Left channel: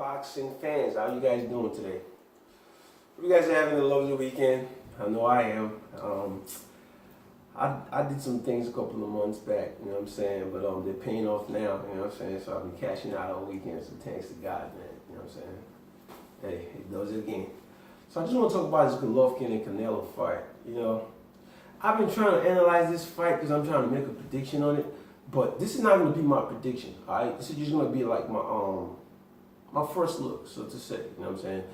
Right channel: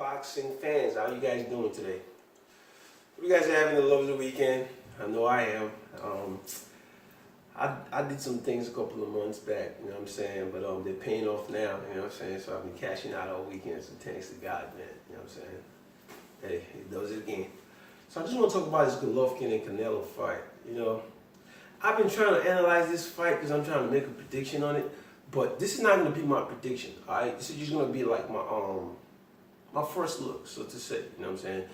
boxing fans, how you guys doing today? Hope you guys are having a lovely weekend. I know I am. I did some things a couple of months back, you know what I'm saying, but they're paying off now, you know what I'm saying, so I've been cashing out all weekend, so thanks to God, man, you know what I'm saying. Hey, he does it again. So I just want to talk about this Golovkin and Canelo fight, you know. I've been trying to analyze this fight because I'm trying to make a prediction on it, but this is not going to be my prediction, all right? This is just going to be like my first look, so to say, you know what I'm saying.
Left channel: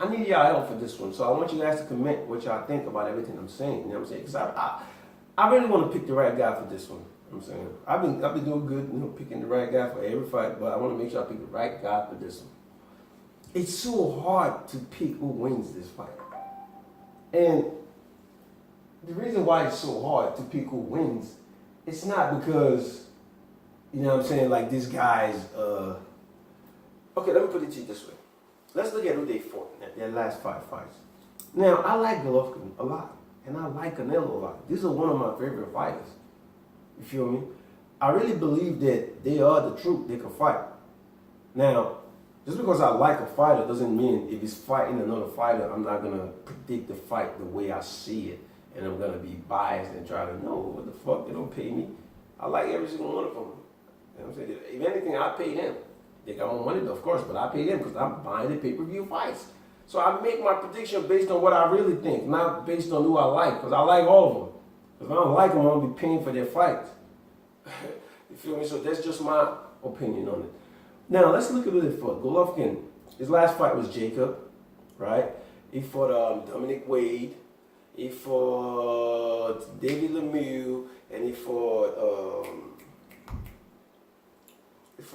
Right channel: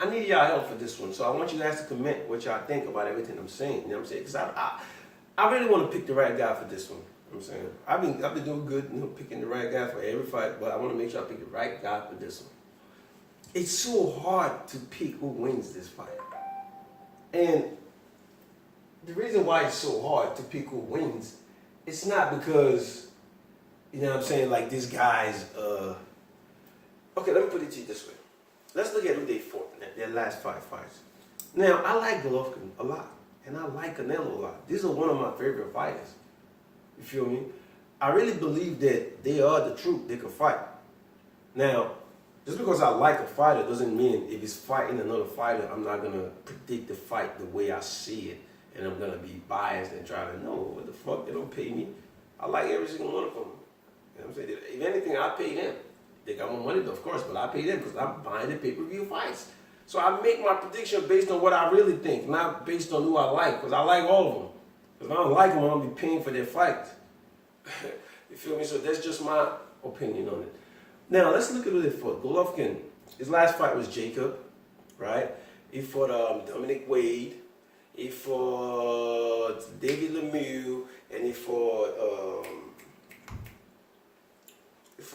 I need y'all help for this one, so I want you guys to comment what y'all think about everything I'm saying, you know what I'm saying, because I really want to pick the right guy for this one, you know what I'm saying. I've been doing good, you know, picking the right guy for every fight, but I want to make sure I pick the right guy for this one. It's so hard to pick who wins this fight. And the reason why it's so hard to pick who wins, it's not because, you know what I'm saying, like these guys, okay, let me put it to you this way. Let's look at who they fought in their last 5 fights. Now, I like Golovkin a lot, and I like Canelo a lot. These are one of my favorite fighters. You feel me? I really believe that they are the truth. They can fight. Now, just because I like a fighter doesn't mean if he's fighting another fighter, I'm not going to predict the fight the way I see it. And I'm going to be biased and try to know what the fuck, they don't pay me. I like every single one of them. You know what I'm saying? If anything, I pay them. They got more money, of course, but I pay them because I'm buying the pay-per-view fights. So I make my prediction based on what I really think, not based on who I like, because I like all of them. If I don't like them, I'm going to be paying for their fights. You feel me? So that's just my opinion on it. Now, let's look at who they fought. Golovkin, his last fight was Jacob, right? He fought Dominic Wade. He fought David Lemieux, and he fought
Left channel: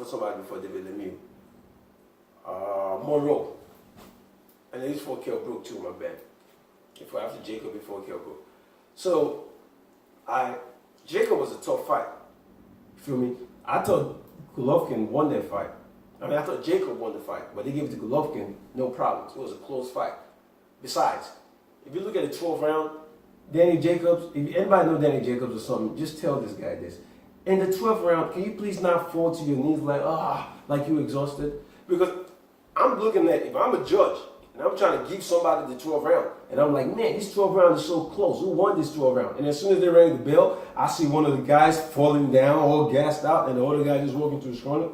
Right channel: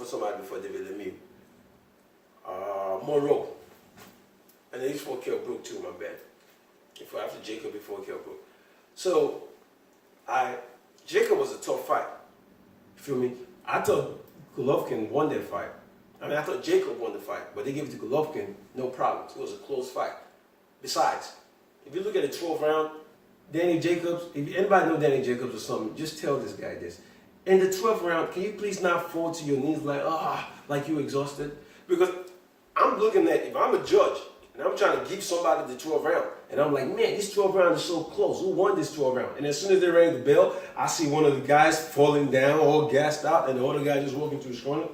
somebody before David Lemieux. Monroe. And then he fought Kell Brook too, my bad. He fought after Jacob before Kell Brook. So, Jacob was a tough fight. You feel me? I thought Golovkin won that fight. I mean, I thought Jacob won the fight, but they gave it to Golovkin, no problems. It was a close fight. Besides, if you look at the 12th round, Danny Jacobs, if anybody know Danny Jacobs or something, just tell this guy this. In the 12th round, can you please not fall to your knees like you're exhausted? Because I'm looking at, if I'm a judge, and I'm trying to give somebody the 12th round, and I'm like, man, this 12th round is so close. Who won this 12th round? And as soon as they rang the bell, I see one of the guys falling down, all gassed out, and the other guy just walking to his corner.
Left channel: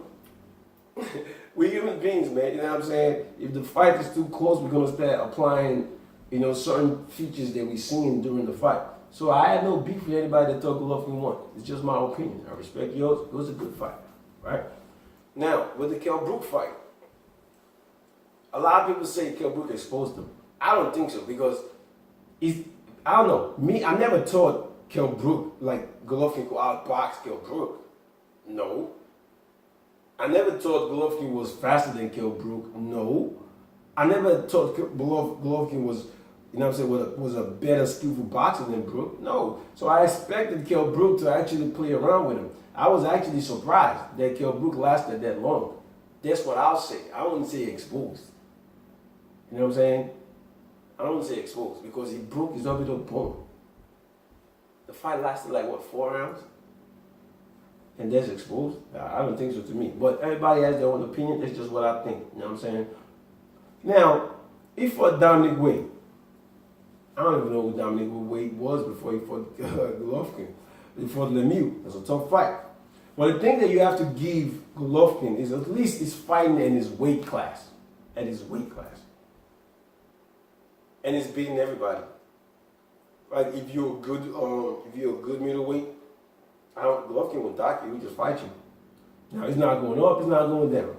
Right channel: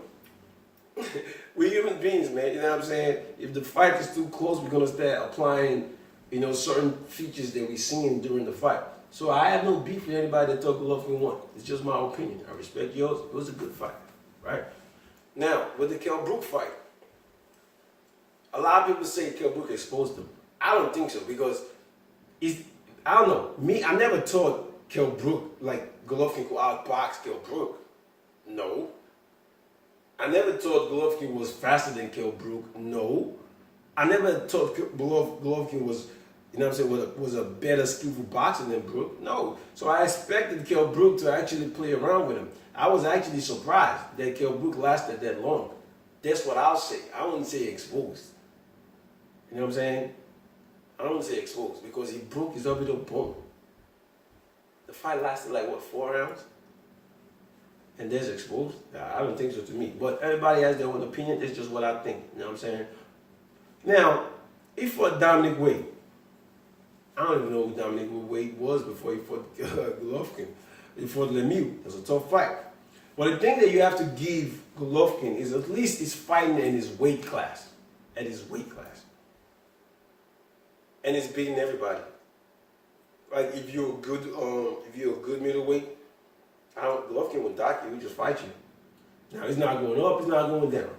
We're human beings, man. You know what I'm saying? If the fight is too close, we're going to start applying, you know, certain features that we seen during the fight. So I have no beef with anybody that thought Golovkin won. It's just my opinion. I respect yours. It was a good fight, right? Now, with the Kell Brook fight, a lot of people say Kell Brook exposed him. I don't think so because I don't know. Me, I never thought Kell Brook, like Golovkin could outbox Kell Brook. No. I never thought Golovkin was faster than Kell Brook. No. I never thought Golovkin was, you know what I'm saying, was a better skillful boxer than Brook. No. So I expected Kell Brook to actually play around with him. I was actually surprised that Kell Brook lasted that long. That's what I'll say. I wouldn't say exposed. You know what I'm saying? I don't say exposed because he broke his orbital bone. The fight lasted like, what, 4 rounds? And that's exposed? I don't think so to me. But everybody has their own opinion. That's just what I think. You know what I'm saying? Now, he fought Dominic Wade. I don't even know who Dominic Wade was before he fought Golovkin. He fought Lemieux. It was a tough fight. But the thing that you have to give Golovkin is at least he's fighting in his weight class. At his weight class. And he's beating everybody. Like if you're a good middleweight, Golovkin will dock you. He just fight you. Now he's not going up. He's not going down,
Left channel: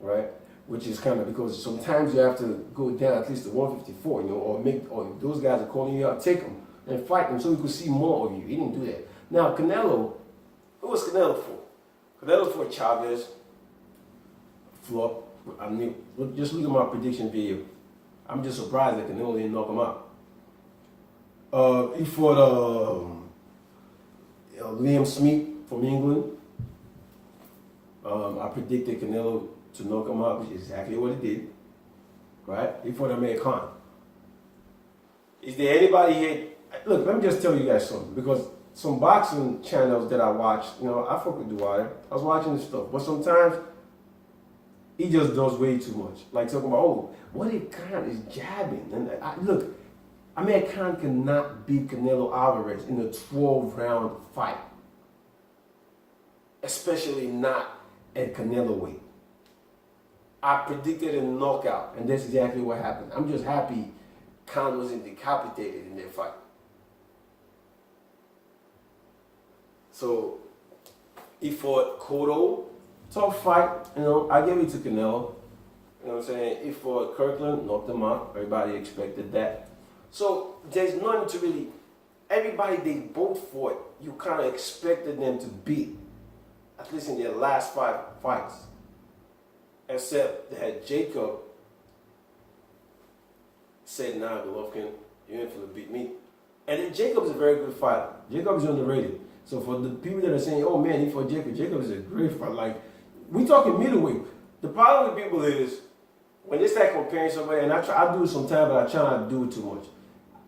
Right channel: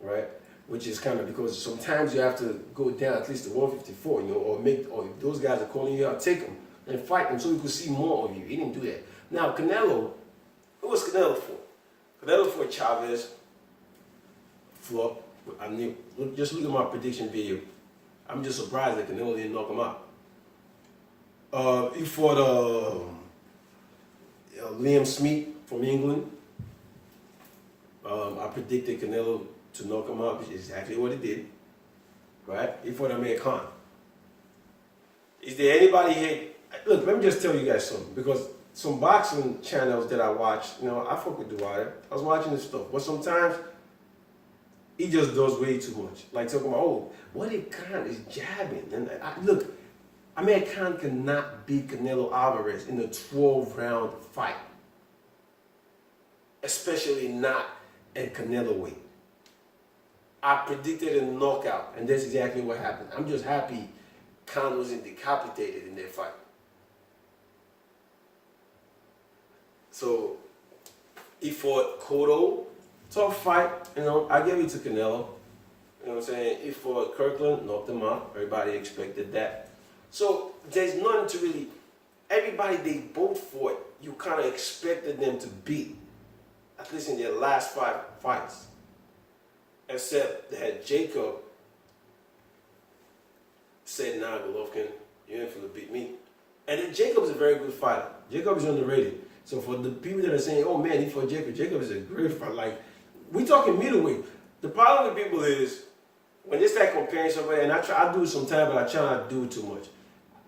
right? Which is kind of because sometimes you have to go down at least to 154, you know, or if those guys are calling you out, take them and fight them so you can see more of you. He didn't do that. Now Canelo, who was Canelo for? Canelo for Chavez. Flop. I knew. Just look at my prediction video. I'm just surprised that Canelo didn't knock him out. He fought Liam Smith from England. I predicted Canelo to knock him out, which is exactly what he did. Right? He fought Amir Khan. Is there anybody here? Look, let me just tell you guys something. Because some boxing channels that I watch, you know, I fuck with Dwyer. I was watching this stuff. But sometimes He just does way too much. Like talking about, oh, what if Khan is jabbing? And look, Amir Khan cannot beat Canelo Alvarez in a 12-round fight, especially not at Canelo weight. I predicted a knockout, and that's exactly what happened. I'm just happy Khan wasn't decapitated in that fight. So he fought Cotto, tough fight. I gave it to Canelo. You know what I'm saying? He fought Kirkland, knocked him out. Everybody expected that. So there's nothing to really. Everybody they both fought, you kind of expected them to beat, at least in their last 5 fights. Except that Jacob said, nah, Golovkin, you ain't gonna beat me. And then Jacob's a very good fighter. Jacob is underrated. So for the people that are saying, oh man, he fought Jacob, Jacob is a great fighter. Like, we talking middleweight. The problem with people is, when they start comparing somebody, and I do it sometimes, but I try not to do it too much.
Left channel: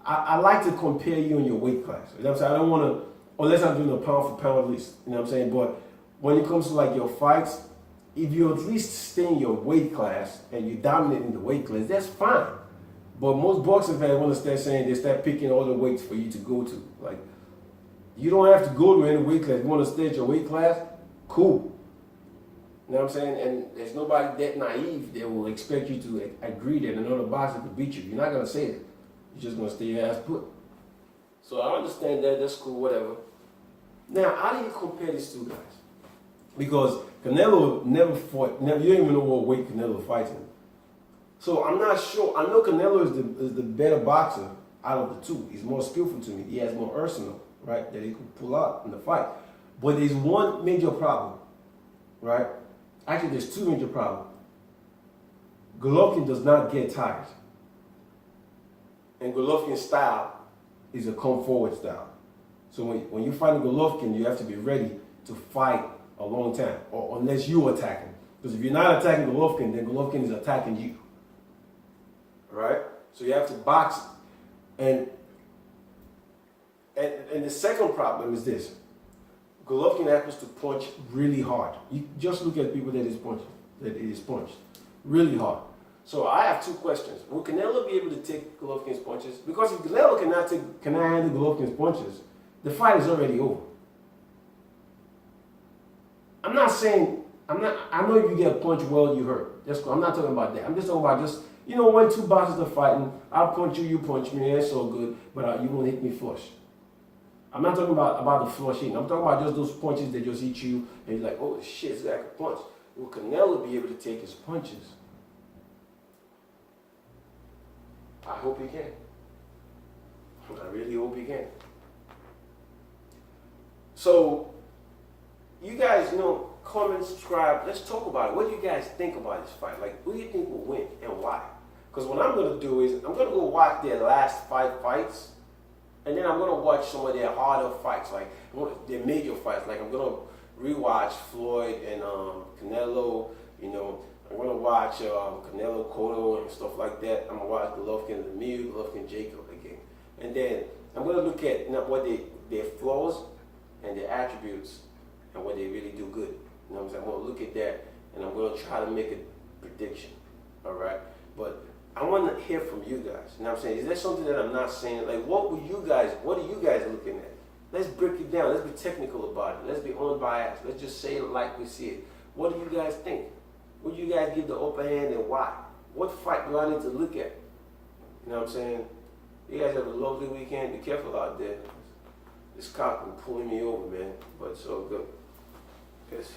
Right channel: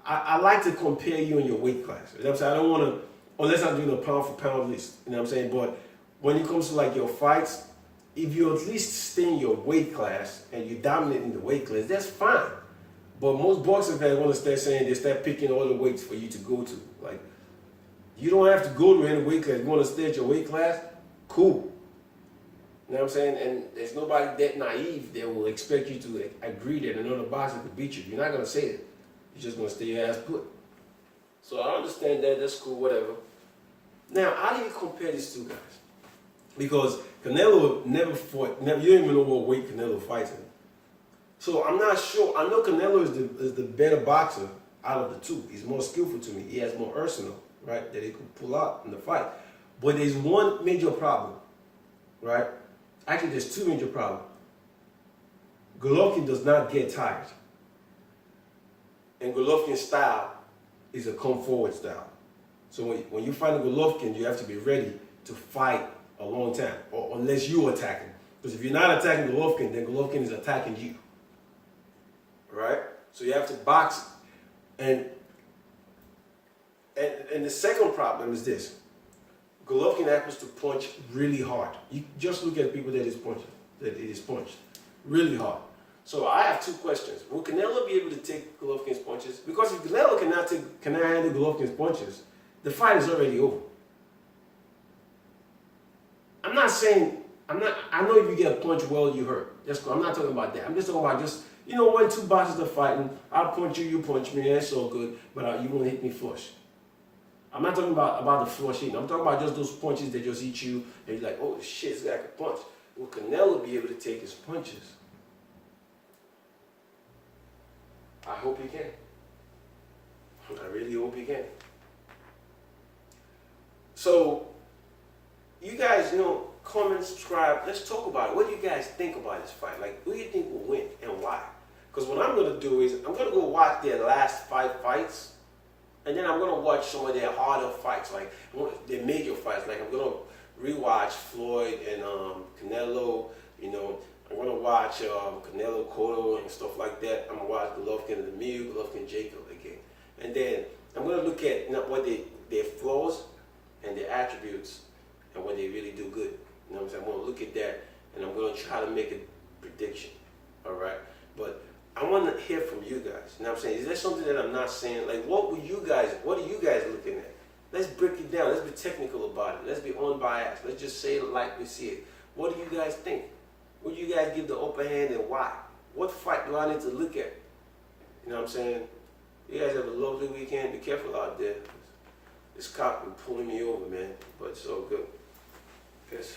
I like to compare you in your weight class. You know what I'm saying? I don't want to, unless I'm doing a pound for pound list. You know what I'm saying? But when it comes to like your fights, if you at least stay in your weight class and you dominate in the weight class, that's fine. But most boxing fans want to start saying, they start picking all the weights for you to go to. Like, you don't have to go to any weight class. You want to stay at your weight class? Cool. You know what I'm saying? And there's nobody that naive that will expect you to agree that another boxer could beat you. You're not going to say that. You're just going to stay your ass put. So I understand that. That's cool, whatever. Now, how do you compare these two guys? Because Canelo never fought, you don't even know what weight Canelo fights in. So I'm not sure. I know Canelo is the better boxer out of the two. He's more skillful to me. He has more arsenal, right, that he can pull out in the fight. But there's one major problem, right? Actually, there's two major problems. Golovkin does not get tired. And Golovkin's style is a come forward style. So when you fight Golovkin, you have to be ready to fight a long time, or unless you attack him. Because if you're not attacking Golovkin, then Golovkin is attacking you. Right? So you have to box. And the second problem is this. Golovkin happens to punch really hard. You just look at people that is punched really hard. So I have two questions. Will Canelo be able to take Golovkin's punches? Because if Canelo cannot handle Golovkin's punches, the fight is already over. I'm not saying, I know if you get punched well, you hurt. That's cool. I'm not talking about that. I'm just talking about when two boxers are fighting, I'll punch you, you punch me, that's all good, but you won't hit me flush. I'm not talking about the flush hitting. I'm talking about just those punches that just hit you, and you're like, oh shit, this guy can punch. Will Canelo be able to take his punches? I hope he can. I really hope he can. So, you guys, comment, subscribe. Let's talk about it. What do you guys think about this fight? Like, who do you think will win and why? Because what I'm going to do is, I'm going to go watch their last 5 fights, and then I'm going to watch some of their harder fights, like their major fights. Like, I'm going to rewatch Floyd and Canelo, I'm going to watch Canelo Cotto and stuff like that. I'm going to watch Golovkin and Emil, Golovkin Jacob again. And then I'm going to look at what their flaws and their attributes and what they really do good. You know what I'm saying? I'm going to look at that and I'm going to try to make a prediction. All right? But I want to hear from you guys. You know what I'm saying? Is there something that I'm not saying? Like, what are you guys looking at? Let's break it down. Let's be technical about it. Let's be unbiased. Let's just say it like we see it. What do you guys think? Would you guys give the upper hand and why? What fight do I need to look at? You know what I'm saying? You guys have a lovely weekend. Be careful out there. This cop been pulling me over, man. But it's all good. Peace.